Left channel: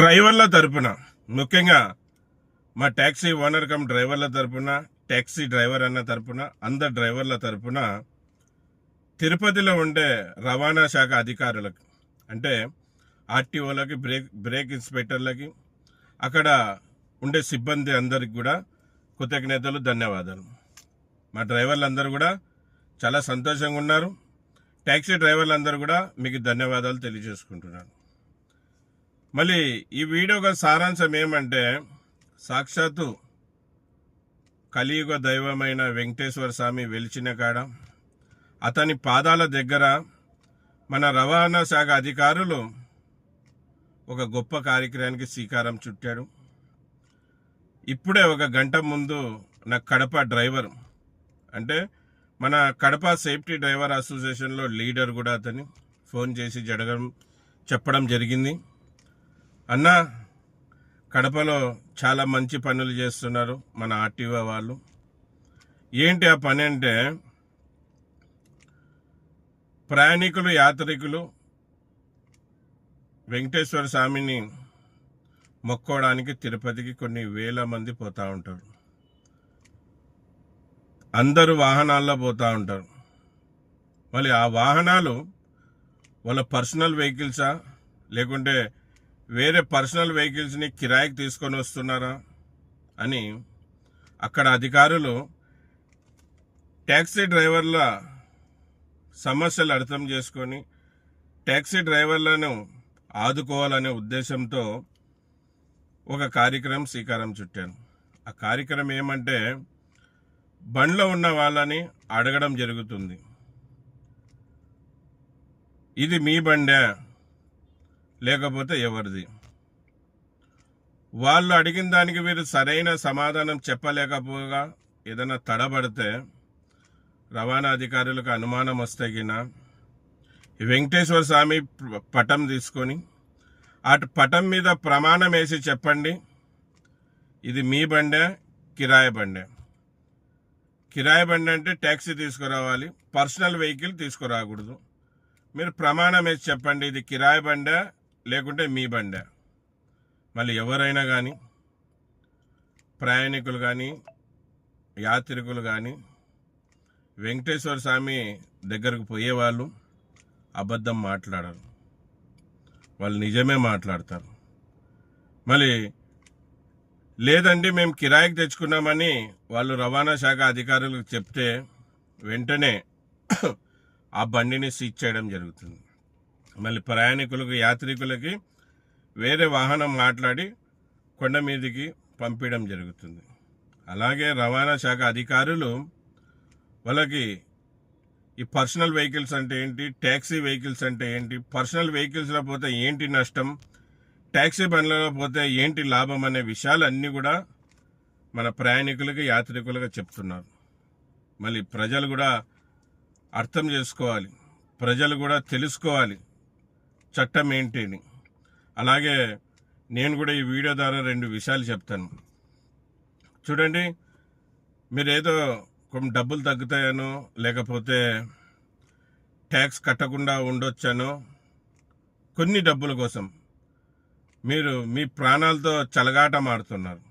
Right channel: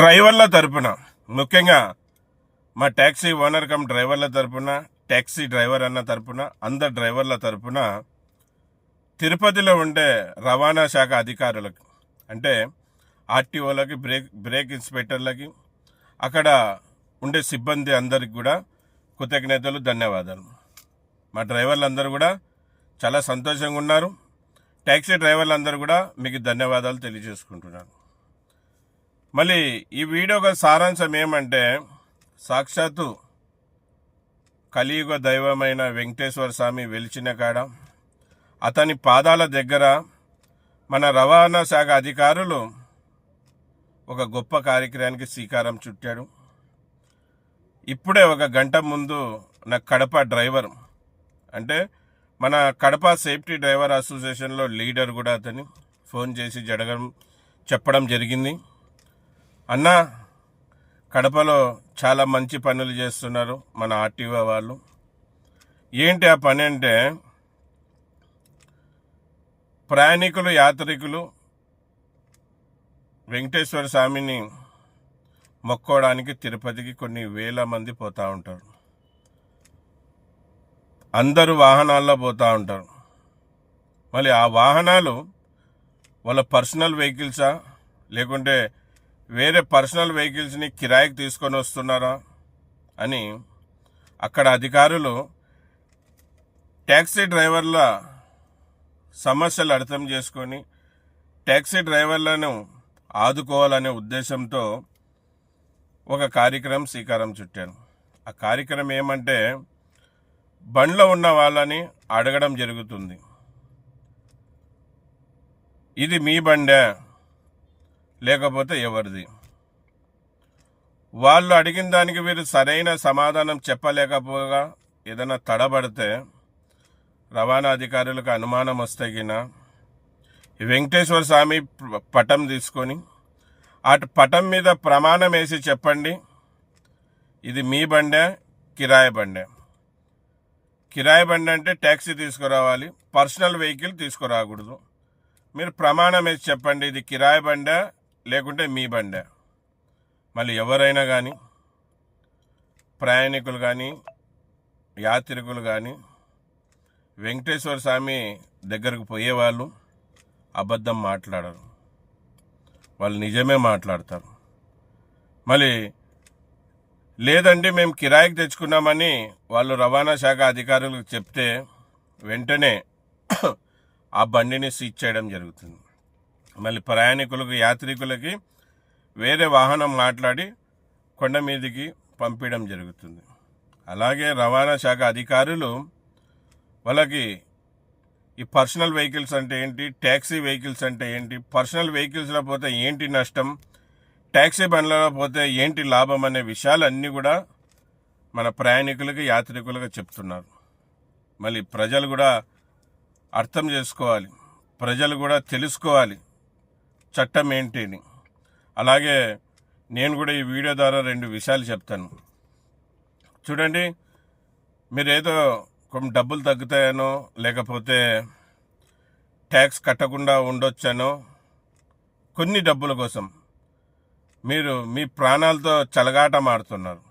డ్రైవర్ల తరపున ముఖ్యంగా మా ట్యాక్సీ ఓనర్ కమ్ డ్రైవర్ల తరపున, ట్యాక్సీ డ్రైవర్ అన్న తరపున, అందరు డ్రైవర్ల తరపున తిరుపతిలో ఉండే రవాణా శాఖ అధికారులకు అంటే ఆర్టీఓలకి, బ్రేక్ ఇన్స్పెక్టర్లకి, అక్కడ ఉండే సిబ్బంది అందరికి కూడా కృతజ్ఞతలు, ధన్యవాదాలు. మా డ్రైవర్లు అందరూ కూడా చాలా సంతోషంగా ఉన్నారు. ట్యాక్సీ డ్రైవర్లు అందరూ కూడా మీకు ధన్యవాదాలు తెలియజేసుకుంటున్నాను. మళ్ళీ ఈ వీడియో సారాంశం ఏమంటే, సాక్షాత్తు కలియుగ దైవమైన వెంకటేశ్వర స్వామి వెలిచిన కాడ అతని పాదాల దగ్గర మన రవాణా శాఖ అధికారులు ఒక గొప్ప కార్యక్రమానికి శ్రీకారం చుట్టాడు. ఇప్పుడే ఒక గంట ముందు నా కడప డ్రైవర్ అంటే మన కడప సేఫ్టీ డ్రైవర్ అసోసియేషన్లో లీడర్ కూడా అతని ఫోన్ చేసి చెప్పడం జరిగింది. అన్న, కడపలో చాలా మంచి పనులు చేస్తున్నారు మన ఆర్టీఓ వాళ్ళు. ఏంటి ఆ పని అంటే, ప్రయాణికులు, యాత్రికులు వెంకటేశ్వర స్వామిని మొక్కోవడానికి తిరుపతికి కొన్ని వేల మంది పోతూ ఉంటారు. అందరూ వాహనాల్లో పోతూ ఉంటారు. మళ్ళీ ఆ వాహనాలు వాళ్ళ పర్సనల్ వెహికల్సా, లేకుంటే వేరే పర్సనల్ వెహికల్స్ని కిరాయికి తీసుకొని వస్తున్నారా అని అక్కడ అధికారులు ట్యాక్సీ డ్రైవర్ల సమస్యలు అర్థం చేసుకొని ట్యాక్సీ డ్రైవర్లను ఆదుకోవాలనే ఉద్దేశంతో ఒక కార్యక్రమం శ్రీకారం చుట్టాను. ఆ కార్యక్రమం ఏమంటే, బండ్లో ఉన్న వాళ్ళని అడగడం జరుగుతుంది. ఇది మీ బండే లేకపోతే ఎవరిది? వాళ్ళు అడిగిన దానికి మీరు సరైన సమాధానం చెప్పలేకపోగా ఏదైనా తడబడితే రవాణా అధికారులకు అనుమానం వస్తే గిన వెంకటేశ్వర స్వామి పటం తీసుకొని అటు పటం మీద ప్రమాణం వేసి చెప్పండి, ఇది మీ బండే, కిరాయి బండే. కిరాయి బండి అంటే ట్యాక్సీ తీసుకురావాలి, పర్సనల్ వెహికల్ తీసుకురాకూడదు. మీరు ప్రమాణం వేసి చెప్పండి, ఇది కిరాయి బండే లేకుంటే మీ బండే. మళ్ళీ ఎవరైనా కానీ, ప్రయాణికులు కానీ, యాత్రికులు కానీ వెంకటేశ్వర స్వామి దగ్గరకు పోయేవాళ్ళు అబద్ధం మాట్లాడరు, వాళ్ళు నిజమే మాట్లాడతారు. మళ్ళీ లేదండి మేము కిరాయికి తెచ్చుకున్నామని వాళ్ళు రవాణా శాఖ అధికారులకు చెప్తే వెంటనే ఆ బండిని సీజ్ చేయడం జరుగుతుంది. మళ్ళీ ప్రయాణికులకు, యాత్రికులకి వేరే వాహనం మాట్లాడి కొండ మీదకి పంపించడం జరుగుతుంది. అలాగే రవాణా శాఖ అధికారులు వాళ్ళకి ఈ పర్సనల్ వెహికల్స్ అంటే ఏంటి, ట్యాక్సీ వెహికల్స్ అంటే ఏంటి, పర్సనల్ వెహికల్స్లో పోతే ఏంటి నష్టం, ట్యాక్సీ బండ్లలో పోతే ఏంటి లాభం అనే విషయాలన్నీ కూడా మన ప్రయాణికులకి, యాత్రికులకు చెప్తున్నారు. మళ్ళీ ప్రజలు కూడా అర్థం చేసుకోవాలి, ప్రజలు కూడా తెలుసుకోవాలి చట్టం ఏంటి అని. అలాగే నేను కూడా ఈ వీడియో ద్వారా 2 విషయాలు చెప్తాను. చూడండి, మీరేదో కొన్ని డబ్బులు తగ్గుతాయనో, లేకపోతే ట్యాక్స్ కట్టకుండా ఉండొచ్చనో, కొన్ని డబ్బుల కోసం మీరు మీ ప్రాణాలతో చెలగాటమాడుతున్నారు.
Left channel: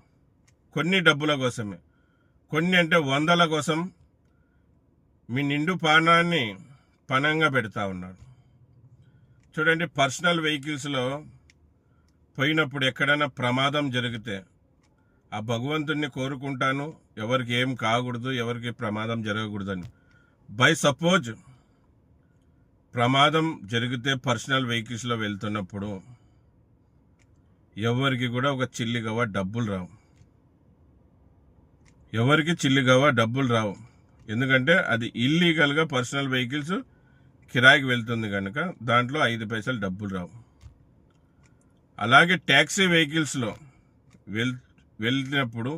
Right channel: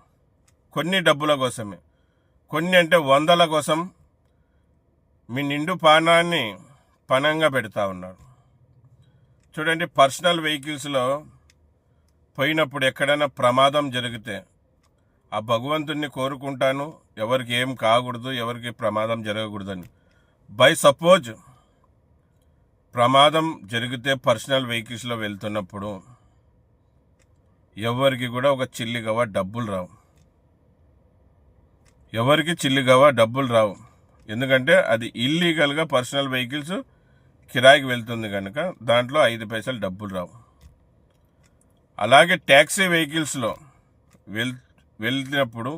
కొన్ని డబ్బుల కోసమే, కొన్ని అంటే 100ల కోసం మీ నిండు ప్రాణాన్ని పణంగా పెడతా ఉన్నారు. చూడండి, పర్సనల్ వెహికల్స్లో పోయినప్పుడు ఎక్కడైనా ప్రమాదం జరిగితే ఆ భగవంతుడిని కోరుకుంటాను, ఎవరికి ఏం కాకూడదు, ఎవరికి ప్రమాదం జరగకూడదని. బై సపోజ్ ప్రమాదం జరిగితే పర్సనల్ వెహికల్స్లో వెళ్తున్నప్పుడు ఎవరికి కూడా ఒక చిల్లిగవ డబ్బులు రావు, ఎవరికి చిల్లిగవ డబ్బులు రావు. ఎందుకంటే అది ఇల్లీగల్గా పర్సనల్ వెహికల్స్ కిరాయికి వెళ్తుంది కనుక దాంట్లో 5 పైసలు డబ్బులు రావు. అలాగే ట్యాక్సీ వెహికల్స్లో వెళ్ళినప్పుడు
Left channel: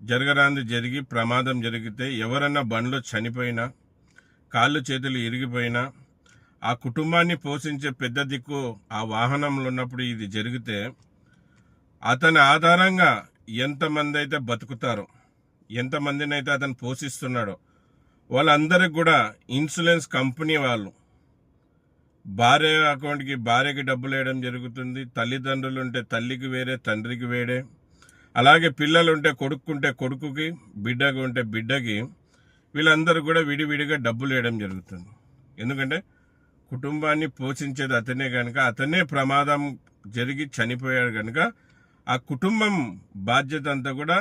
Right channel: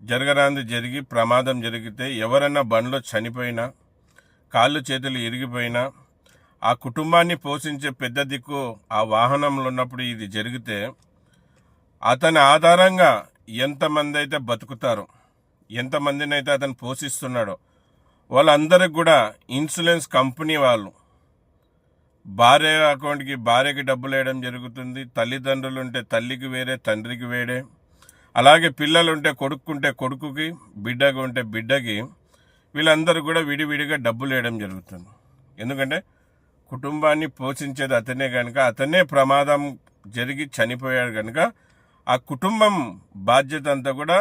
జరగరాంది జరిగి ప్రమాదం జరిగితే, ఎవరన్నా బండ్లో చనిపోయినా, కాళ్ళు చేతులు ఇరిగిపోయినా, ఆ కుటుంబాన్ని పోషించే పెద్ద దిక్కు ఆ వాహనంలో ఉన్నప్పుడు ఇది జరిగితే అతని ఆధారంగా ఎంతమంది అయితే బతుకుతారో, ఎంతమందిని అయితే అతను పోషిస్తున్నాడో వాళ్ళందరికి కూడా ఇన్సూరెన్స్ కంపెనీ వాళ్ళు భార్య అకౌంట్కి భార్యకి డబ్బులు వేయడం జరుగుతుంది. తల్లిదండ్రులు ఉంటే తల్లికి వేరే, తండ్రికి వేరే. అలాగే పిల్లలు ఉంటే కొడుకుంటే కొడుకుకి, బిడ్డకు ఉంటే బిడ్డకి, వీళ్ళందరూ కూడా విడివిడిగా డబ్బులు వేయడం జరుగుతుంది. ఎందుకంటే కుటుంబాన్ని పోషించేది అతనే కనుక, అతనే ప్రమాదం జరిగి చనిపోయాడు కనుక ఆ కుటుంబం బాధ్యత అంతా కూడా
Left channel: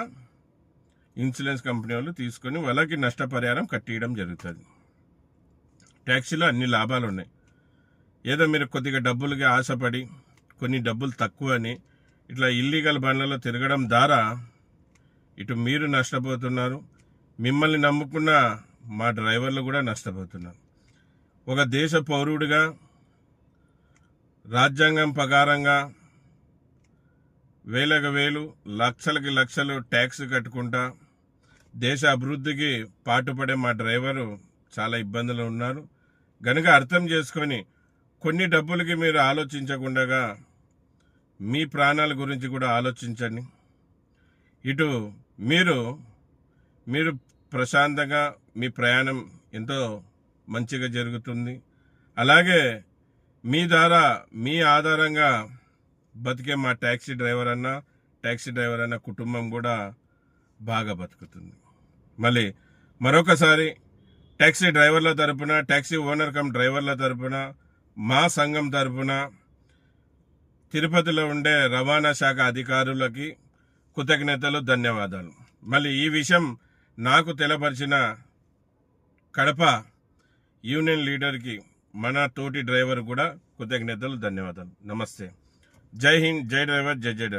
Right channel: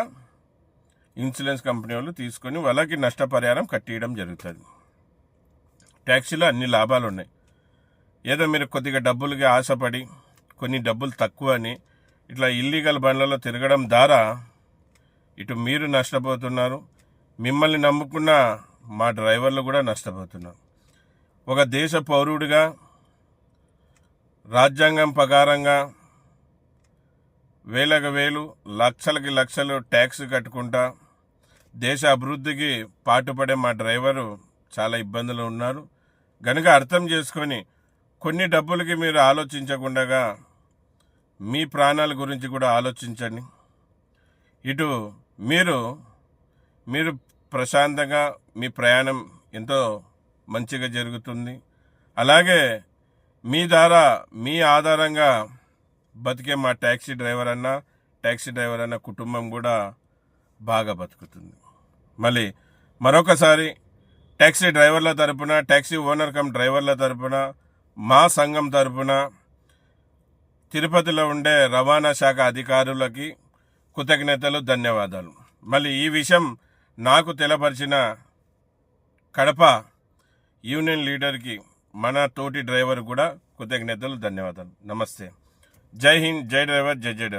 ఇన్సూరెన్స్ కంపెనీ వాళ్ళు తీసుకొని వాళ్ళకి నష్టపరిహారం కట్టియడం జరుగుతుంది. ట్యాక్సీలో అన్ని లాభాలు ఉన్నాయి. ఏదో మీరు కొద్దిగా డబ్బులకి ఆశపడి కొన్ని డబ్బులు తక్కువ అని ఇట్లా ఇల్లీగల్ బండ్లలో తిరగడం ద్వారా ఇటు మీరు నష్టపోతున్నారు, మిమ్మల్ని నమ్ముకున్న మా డ్రైవర్లు కూడా నష్టపోతున్నారు. ఒక దేశ పౌరుడిగా రాజ్యాంగం ప్రకారంగా వేలకు వేలు, లక్షలకి లక్షలు ట్యాక్స్ కట్టుకుంటా దేశ అభివృద్ధికి పాటుపడే మా డ్రైవరు చాలా ఇబ్బందులు ఉన్నారు. కనుక అర్థం చేసుకొని కొన్ని డబ్బులకి మీరు ఆలోచించకుండా మీ ప్రాణాల గురించి కూడా ఆలోచించండి. ఇటు మీరు ప్రశాంతంగా మీ ప్రయాణం ఎంతో మంచిగా జరుగుతుంది. అలాగే మీ ద్వారా మీ ఆధారంగా బతికే మా ట్యాక్సీ డ్రైవర్ అన్న కుటుంబం కూడా బాగా బతుకుతుంది. మళ్ళీ మరొకసారి ట్యాక్సీ డ్రైవర్ల తరపున, ట్యాక్సీ ఓనర్ కమ్ డ్రైవర్ల తరపున, మా సంఘం తరపున తిరుపతిలో ఉండే రవాణా శాఖ అధికారులకి కృతజ్ఞతలు, ధన్యవాదాలు. మళ్ళీ ఈ విషయం నాకు తెలపరిచిన కడప యూనియన్ లీడర్కి, మన తోటి డ్రైవర్ కూడా కృతజ్ఞతలు, ధన్యవాదాలు. నమస్తే. జై హింద్, జై డ్రైవర్, జై డ్రైవర్.